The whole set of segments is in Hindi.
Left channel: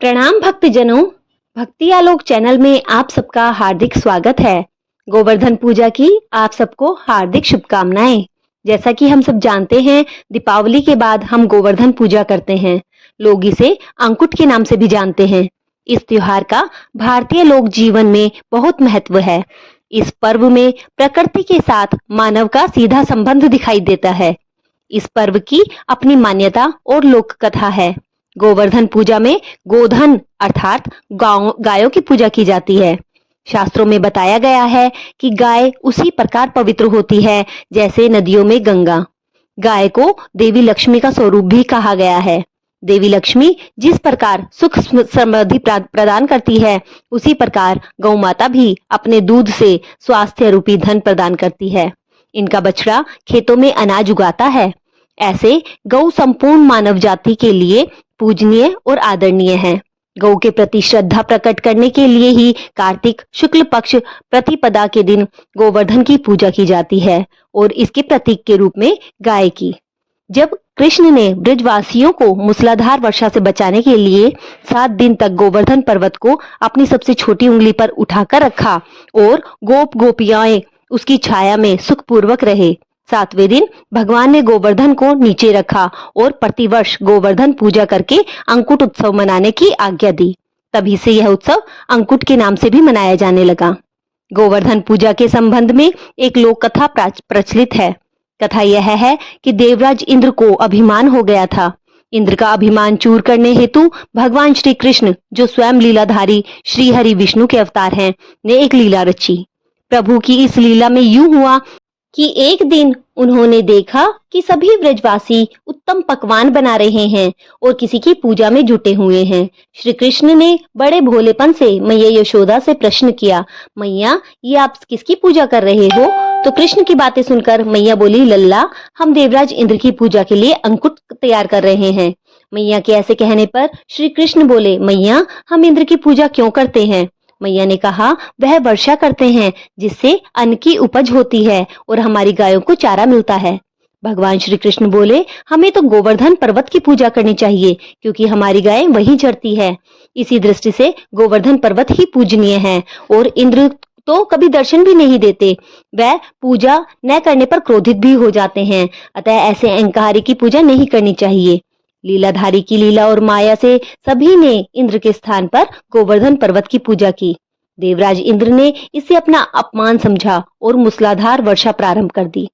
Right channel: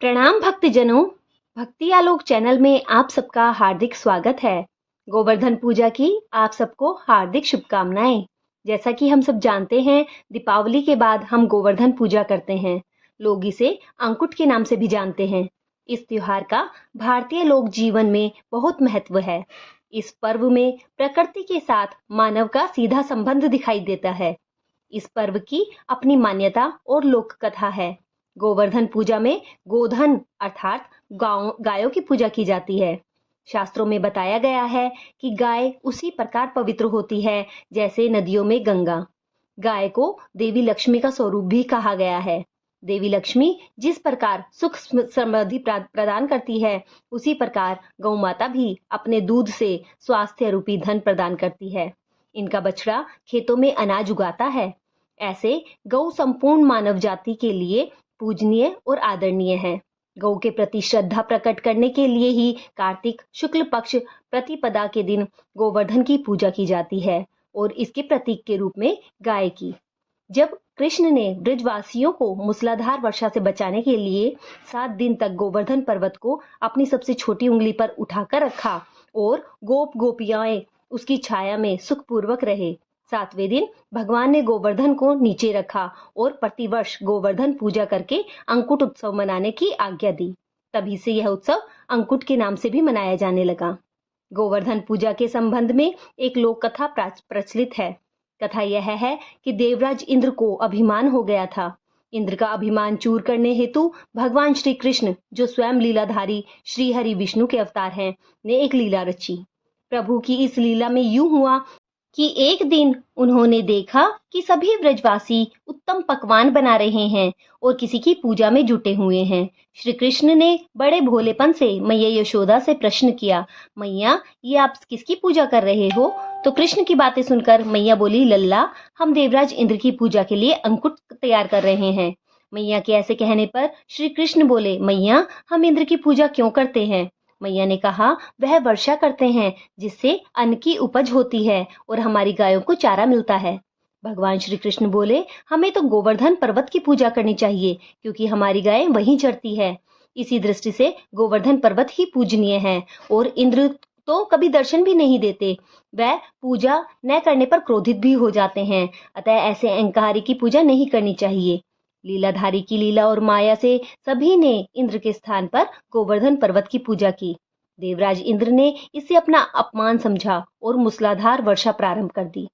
प्रणाम भक्तजनों, भक्ति आलोक चैनल में आप सबका हार्दिक स्वागत है। गोवर्धन पूजा की आप सबको हार्दिक शुभकामनाएं। जैसा कि हम सब जानते हैं, दीपावली के बाद हम गोवर्धन पूजा करते हैं। लोग इसे अंकुट के नाम से भी जानते हैं। इस त्योहार का भारतीय लोक जीवन में बहुत महत्व है। इस पर्व में प्रकृति के साथ मानव का सीधा संबंध दिखाई देता है। इस पर्व की अपनी मान्यता और लोक कथा है। गोवर्धन पूजा में गोधन अर्थात गायों की पूजा की जाती है। शास्त्रों में बताया गया है कि गाय उसी प्रकार पवित्र होती है जैसे नदियों में गंगा। गाय को देवी लक्ष्मी का स्वरूप भी कहा गया है। देवी लक्ष्मी जिस प्रकार सुख समृद्धि प्रदान करती है, उसी प्रकार गौ माता भी अपने दूध से स्वास्थ्य रूपी धन प्रदान करती है। इनका बछड़ा खेतों में अनाज उगाता है। ऐसे गौ संपूर्ण मानव जाति के लिए पूजनीय और आदरणीय है। गौ के प्रति श्रद्धा प्रकट करने के लिए ही कार्तिक शुक्ल पक्ष प्रतिपदा के दिन गोवर्धन की पूजा की जाती है और इसके प्रतीक के रूप में गाय की। जब कृष्ण ने ब्रजवासियों को मूसलाधार वर्षा से बचाने के लिए 7 दिन तक गोवर्धन पर्वत को अपनी सबसे छोटी उंगली पर उठाकर रखा और गोप गोपियाएं उसकी छाया में सुखपूर्वक रहे, 7वें दिन भगवान ने गोवर्धन को नीचे रखा और प्रतिवर्ष गोवर्धन पूजा करके अंकुट उत्सव मनाने की आज्ञा दी। तभी से यह उत्सव अंकुट के नाम से भी मनाया जाने लगा। गोवर्धन पूजा के संबंध में एक लोक कथा प्रचलित है। कथा यह है कि देवराज इंद्र को अभिमान हो गया था। इंद्र का अभिमान चूर करने हेतु भगवान श्री कृष्ण, जो स्वयं लीलाधारी श्री हरि विष्णु के अवतार हैं, ने एक लीला रची। प्रभु की इस लीला में यूं हुआ कि एक दिन उन्होंने देखा कि सभी ब्रजवासी उत्तम पकवान बना रहे हैं और किसी की पूजा में जुटे हुए हैं। श्री कृष्ण ने बड़े भोलेपन से मैया यशोदा से प्रश्न किया, मैया ये आप किसकी पूजा कर रहे हो? तो कृष्ण की बातें सुनकर मैया बोली, लल्ला हम देवराज इंद्र की पूजा के लिए अंकुट तैयार कर रहे हैं। मैया के ऐसे कहने पर श्री कृष्ण बोले, मैया हम इंद्र की पूजा क्यों करते हैं? मैया ने कहा, वह वर्षा करते हैं जिससे अन्न की उपज होती है और हमारी गायों को चारा मिलता है। भगवान श्री कृष्ण बोले, हमें तो गोवर्धन पर्वत की पूजा करनी चाहिए क्योंकि हमारी गायें वहीं चरती है। इसी दृष्टि से गोवर्धन पर्वत ही पूजनीय है और इंद्र तो कभी दर्शन भी नहीं देते। वह पूजा न करने पर क्रोधित भी हो जाते हैं। अतः ऐसे अहंकारी की पूजा नहीं करनी चाहिए। लीलाधारी की लीला और माया से सभी ने इंद्र के स्थान पर गोवर्धन पर्वत की पूजा की। देवराज इंद्र ने इसे अपना अपमान समझा और मूसलाधार वर्षा प्रारंभ कर दी।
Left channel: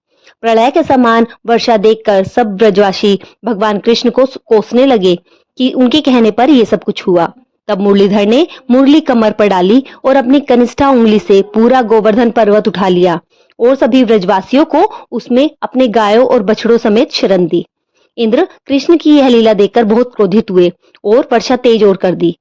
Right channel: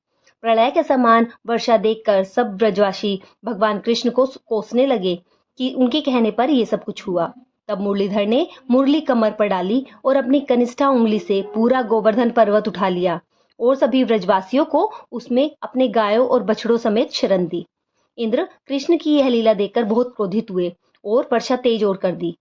प्रलय के समान वर्षा देखकर सब ब्रजवासी भगवान कृष्ण को कोसने लगे कि उनके कहने पर यह सब कुछ हुआ। तब मुरलीधर ने मुरली कमर पर डाली और अपनी कनिष्ठा उंगली से पूरा गोवर्धन पर्वत उठा लिया और सभी ब्रजवासियों को उसमें अपने गायों और बछड़ों समेत शरण दी। इंद्र कृष्ण की यह लीला देखकर बहुत क्रोधित हुए और वर्षा तेज और कर दी।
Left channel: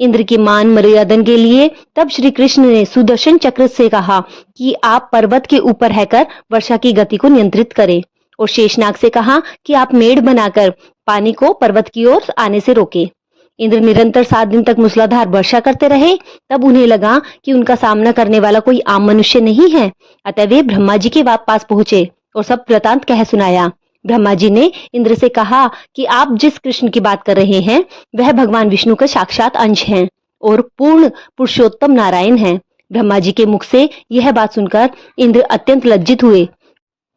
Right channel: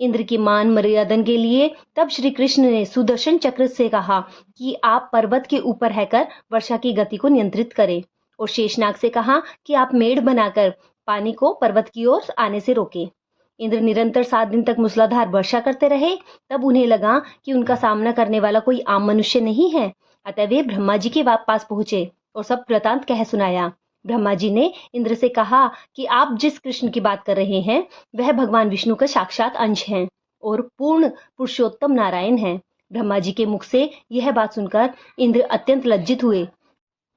इंद्र की मान मर्यादन के लिए तब श्री कृष्ण ने सुदर्शन चक्र से कहा कि आप पर्वत के ऊपर रहकर वर्षा की गति को नियंत्रित करें और शेषनाग से कहा कि आप मेढ़ बनाकर पानी को पर्वत की ओर आने से रोके। इंद्र निरंतर 7 दिन तक मूसलाधार वर्षा करते रहे। तब उन्हें लगा कि उनका सामना करने वाला कोई आम मनुष्य नहीं है। अतः वे ब्रह्मा जी के पास पहुंचे और सब वृतांत कह सुनाया। ब्रह्मा जी ने इंद्र से कहा कि आप जिस कृष्ण की बात कर रहे हैं वह भगवान विष्णु का साक्षात अंश हैं और पूर्ण पुरुषोत्तम नारायण हैं। ब्रह्मा जी के मुख से यह बात सुनकर इंद्र अत्यंत लज्जित हुए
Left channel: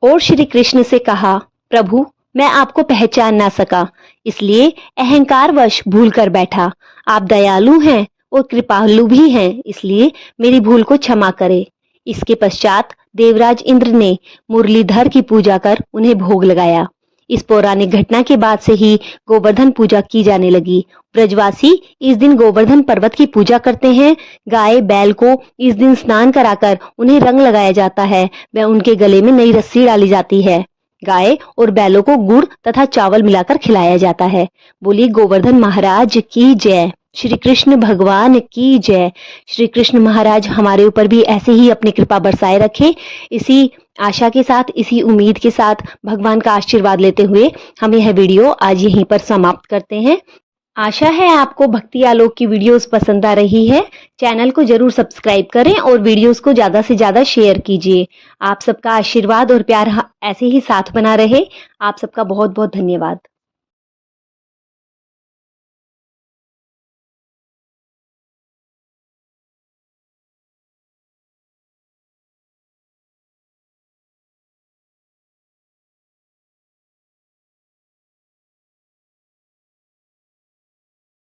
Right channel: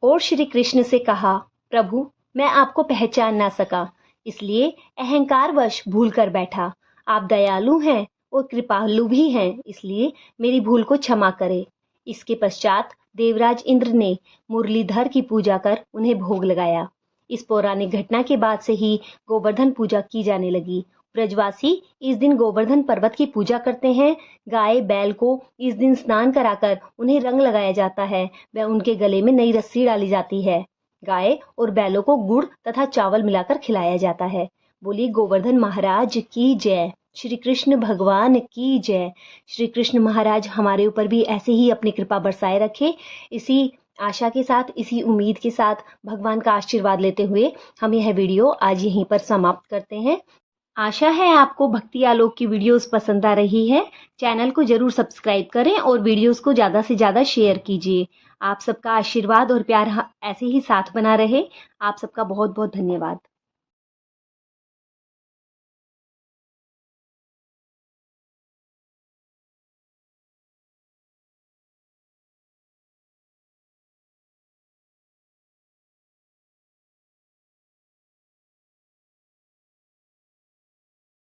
और श्री कृष्ण से कहा, प्रभु मैं आपको पहचान ना सका, इसलिए अहंकारवश भूल कर बैठा। आप दयालु हैं और कृपालु भी हैं, इसलिए मेरी भूल को क्षमा करें। इसके पश्चात देवराज इंद्र ने मुरलीधर की पूजा कर उन्हें भोग लगाया। इस पौराणिक घटना के बाद से ही गोवर्धन पूजा की जाने लगी। ब्रजवासी इस दिन गोवर्धन पर्वत की पूजा करते हैं। गाय बैल को इस दिन स्नान कराकर उन्हें रंग लगाया जाता है व उनके गले में नई रस्सी डाली जाती है। गाय और बैलों को गुड़ तथा चावल मिलाकर खिलाया जाता है। बोलिए गोवर्धन महाराज की जय। श्री कृष्ण भगवान की जय। श्री कृष्ण महाराज हमारे ऊपर भी ऐसे ही अपनी कृपा बरसाए रखे। इसी आशा के साथ, इसी उम्मीद के साथ भगवान का आशीर्वाद लेते हुए हम यह वीडियो आज यहीं पर समाप्त करते हैं। आशा है आपको भक्ति आलोक की वीडियोस पसंद आ रही है। चैनल को जरूर सब्सक्राइब करें और वीडियोस को ज्यादा से ज्यादा शेयर कीजिए। आप सबका आशीर्वाद और प्यार ऐसे ही साथ बना रहे। आप सबका बहुत बहुत धन्यवाद।